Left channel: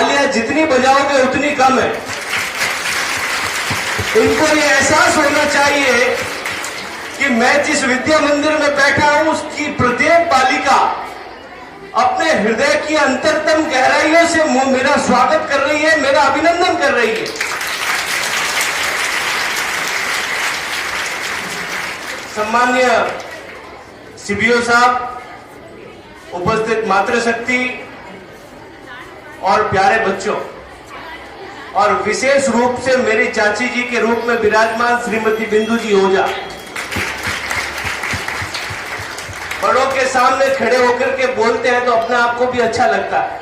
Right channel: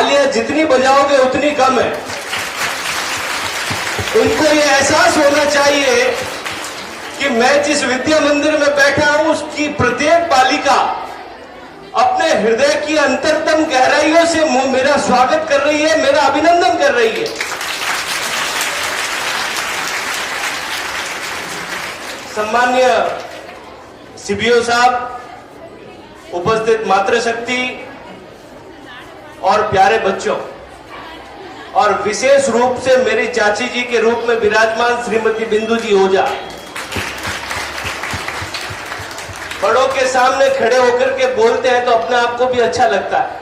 तालियां जितनी बजाओगे उतनी कम है। इनको ये एहसास होना चाहिए कि मैं जिस विद्या मंदिर में बैठा हूं उसकी प्रत्येक बालिका अपने हृदय की अंतरतम गहराइयों से मेरा स्वागत कर रही है, मेरा अभिनंदन कर रही है। सम्मान्य सीबीओ साहब, उपस्थित मातृशक्ति और प्यारे बच्चों, और विशेष रूप से मेरी चाची जी के रूप में विराजमान श्रीमती बिंदु जी ओझा, बड़ों के सामने खड़े होकर के बोलते हैं तो अपने आप को भी अच्छा लगता है।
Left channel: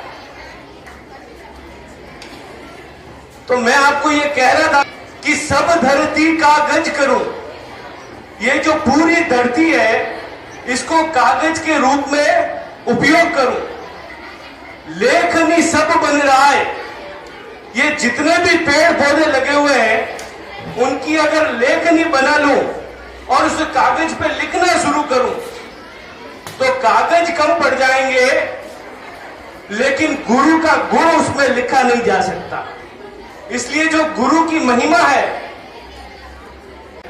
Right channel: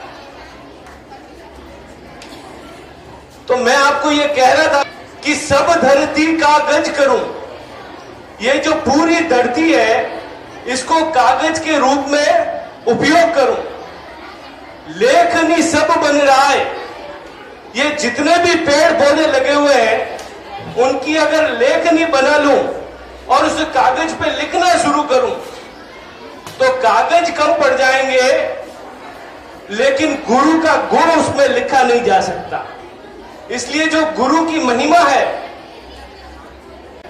तो मैं आपको ये कह रहा था कि सब धरती कागज करूं, ये जो पूरी धरती है इसको कागज के रूप में उपयोग करूं। लेखनी सब बन रहा है, ये जितने भी पेड़ पौधे लगे हुए हैं उनकी अगर लेखनी बना लूं और उस कागज पे लिखना शुरू करूं तो कागज कम पड़ जाएंगे, लेकिन गुरु का गुण उसमें लिखा नहीं जा सकता। इसलिए जो गुरु की महिमा है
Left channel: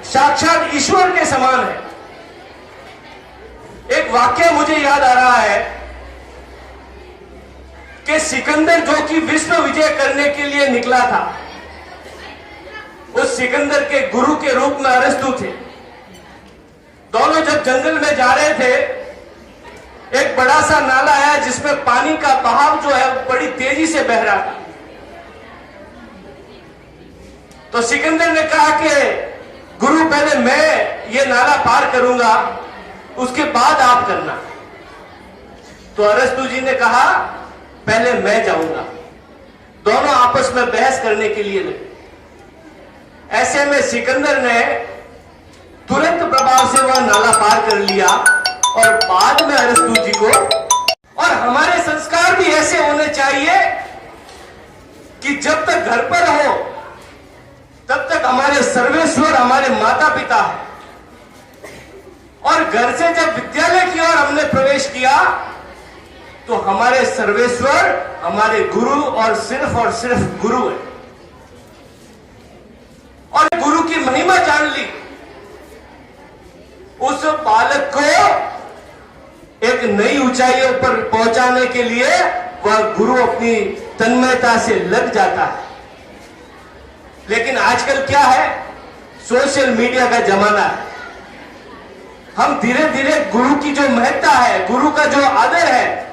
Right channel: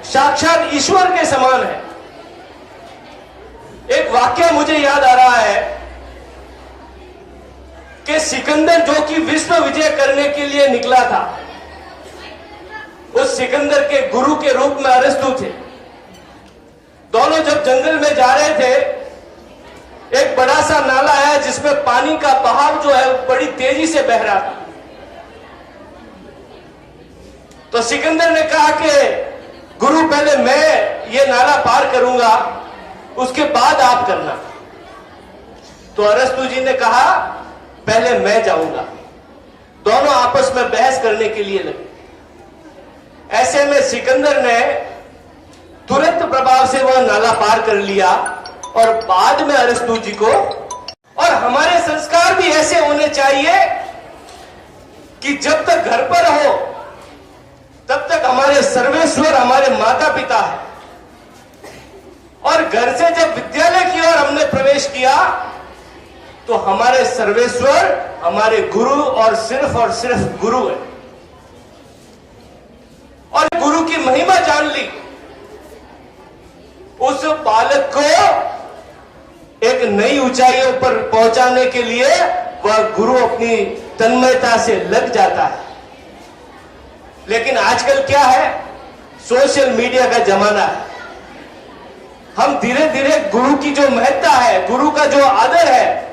साक्षात ईश्वर के समान है। एक वाक्य मुझे याद आ रहा है कि सिकंदर जो कि विश्व विजय करने के लिए निकला था, उस सिकंदर के गुरु के रूप में अरस्तु थे। दोनों जब जंगल में जा रहे थे, एक बड़ा सा नाला आया जिसमें पानी का बहाव जो है बड़ी तेजी से बह रहा था। तो सिकंदर ने कहा कि गुरु पहले मैं ये नाला पार करूंगा, उसके बाद आप करना। तो अरस्तु जी ने कहा पहले मैं जाऊंगा। दोनों आपस में बहस करने के लिए लगे। ऐसे में सिकंदर ने तुरंत प्रभाव से वह नाला पार कर लिया और बाद में अरस्तु जी को। और हमारे संस्कार भी ऐसे होने चाहिए कि जब तक घर पर हो तब तक हमारे सर्वेश्वर हमारे माता पिता है, और घर से जब विद्यालय की ओर हमने प्रवेश किया तो हमारे सर्वेश्वर हमारे गुरु और सिर्फ गुरु है। और गुरु की महिमा जान ली, उस बालक को एक नई ऊंचाइयों पर पहुंचाने के लिए वह गुरु अपनी तन्मयता से लग जाता है। लेकिन आजकल क्या है, सोशल मीडिया का जमाना है। हम धीरे धीरे गुरु की जो महत्ता है, गुरु का जो आदर है,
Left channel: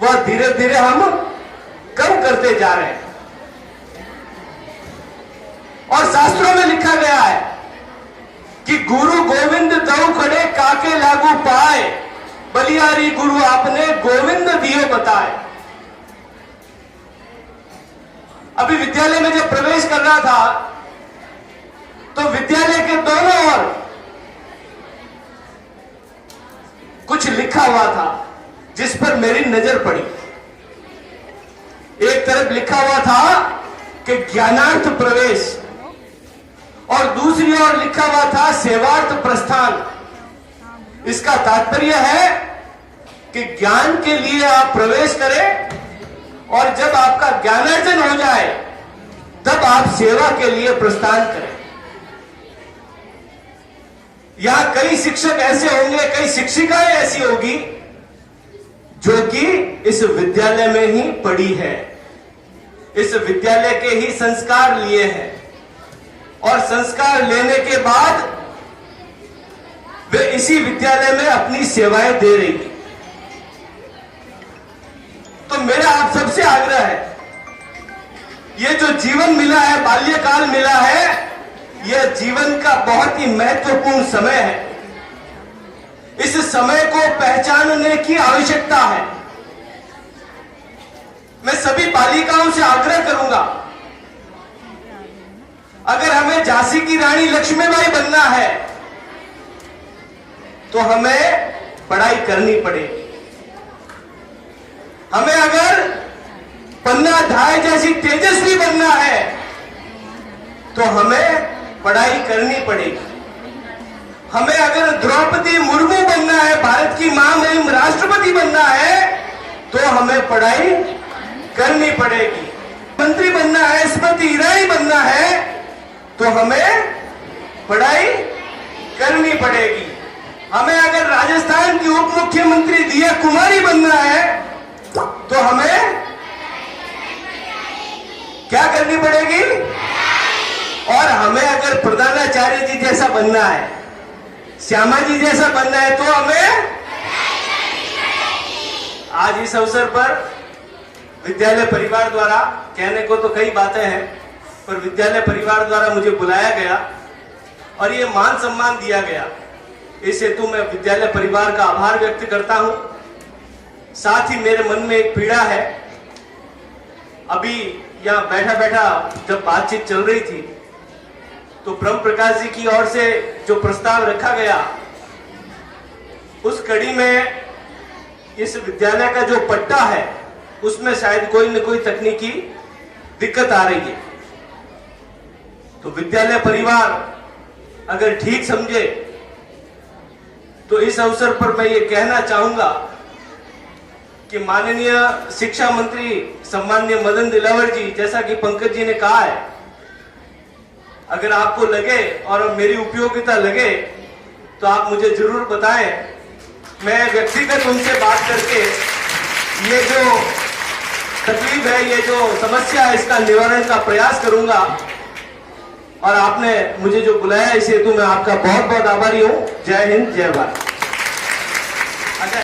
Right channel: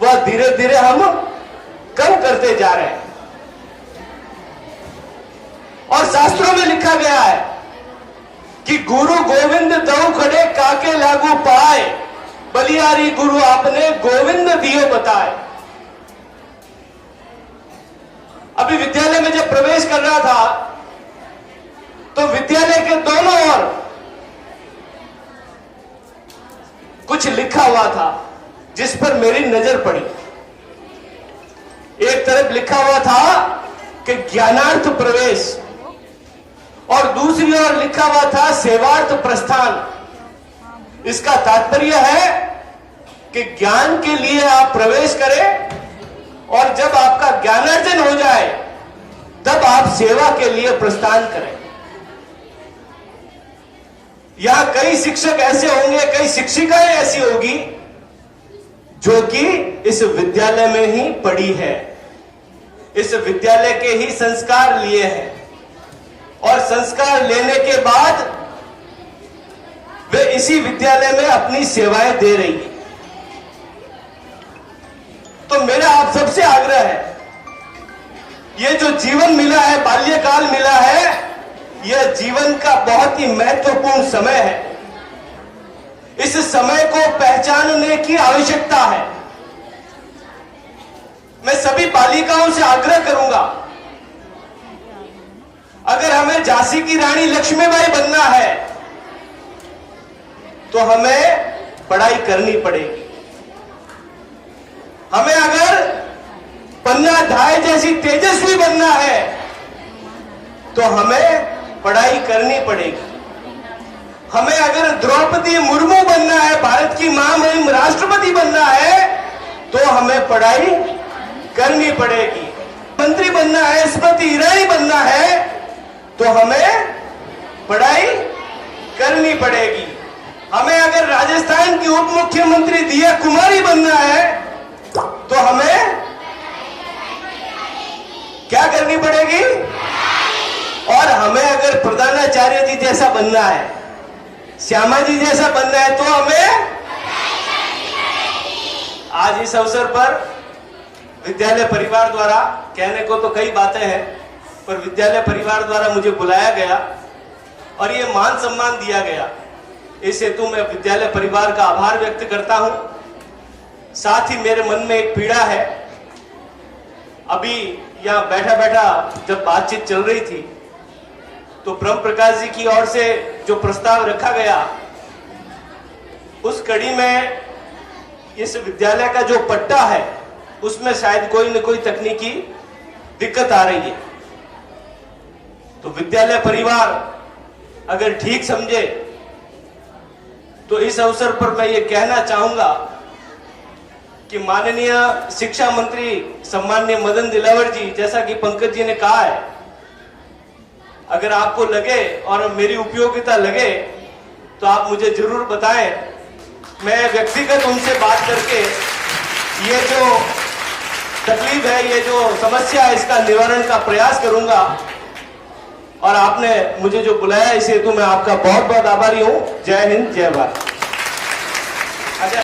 वह धीरे धीरे हम कम करते जा रहे हैं। और शास्त्रों में लिखा गया है कि गुरु गोविंद दऊ खड़े काके लागू पाए, बलियारी गुरु आपने गोविंद दियो बताए। अभी विद्यालय में जब प्रवेश कर रहा था तो विद्यालय के दोनों ओर कुछ लिखा हुआ था जिस पर मेरी नजर पड़ी। एक तरफ लिखा हुआ था कि ज्ञानार्थ प्रवेश, और दूसरी ओर लिखा हुआ था सेवार्थ प्रस्थान। इसका तात्पर्य है कि ज्ञान के लिए आप प्रवेश करें और जब आपका ज्ञानार्जन हो जाए तब आप सेवा के लिए प्रस्थान करें। यहां कई शिक्षक ऐसे होंगे, कई शिक्षिकाएं ऐसी होगी जो कि इस विद्यालय में ही पढ़ी है, इस विद्यालय के ही संस्कार लिए हैं, और संस्कार लेने के बाद वे इसी विद्यालय में अपनी सेवाएं दे रही हैं। तो मेरा आप सबसे आग्रह है, ये जो जीवन मिला है, बाल्यकाल मिला है, यह जीवन का बहुत ही महत्वपूर्ण समय है। इस समय को पहचानने की आवश्यकता है। मैं सभी बालिकाओं से आग्रह करूंगा, अगर हमें झांसी की रानी लक्ष्मीबाई बनना है तो हमें पढ़ाई करनी पड़ेगी। हमें अगर पन्ना धाय जैसी तेजस्वी बनना है तो हमें पढ़ाई करनी पड़ेगी। हमें अगर द्रौपदी मुर्मू बनना है, भारत की महामहिम राष्ट्रपति बनना है, तो हमें पढ़ाई करनी पड़ेगी। मंत्री बनना है, स्मृति ईरानी बनना है, तो हमें पढ़ाई करनी पड़ेगी। हमें अगर राजस्थान की उप मुख्यमंत्री दिया कुमारी बनना है, तो हमें क्या करनी पड़ेगी? और हमें अगर प्रधानाचार्य जी जैसा बनना है, श्यामा जी जैसा बनना है, तो हमें आज इस अवसर पर विद्यालय परिवार द्वारा, कहने को तो कई बातें हैं, पर विद्यालय परिवार द्वारा मुझे बुलाया गया और ये मान सम्मान दिया गया। इस हेतु मैं विद्यालय परिवार का आभार व्यक्त करता हूं। साथ ही मेरे मन में एक पीड़ा है। अभी यहां बैठा बैठा जब बातचीत चल रही थी, तो ब्रह्म प्रकाश जी की ओर से जो प्रस्ताव रखा गया, उस कड़ी में इस विद्यालय का जो पट्टा है, उसमें शायद कोई न कोई तकनीकी दिक्कत आ रही है। तो विद्यालय परिवार अगर ठीक समझे, तो इस अवसर पर मैं ये कहना चाहूंगा कि माननीय शिक्षा मंत्री सम्माननीय मदन दिलावर जी, जैसा कि पंकज जी ने कहा है, अगर आपको लगे और मेरी उपयोगिता लगे तो आप मुझे जरूर बताएं। मैं व्यक्तिगत उनसे बात करके ये जो तकलीफ है, ये जो समस्या है, इसका निवारण का प्रयास करूंगा। और आपने मुझे जो बुलाया, इस हेतु मैं आपका बहुत बहुत आभारी हूं। जय हिंद, जय भारत।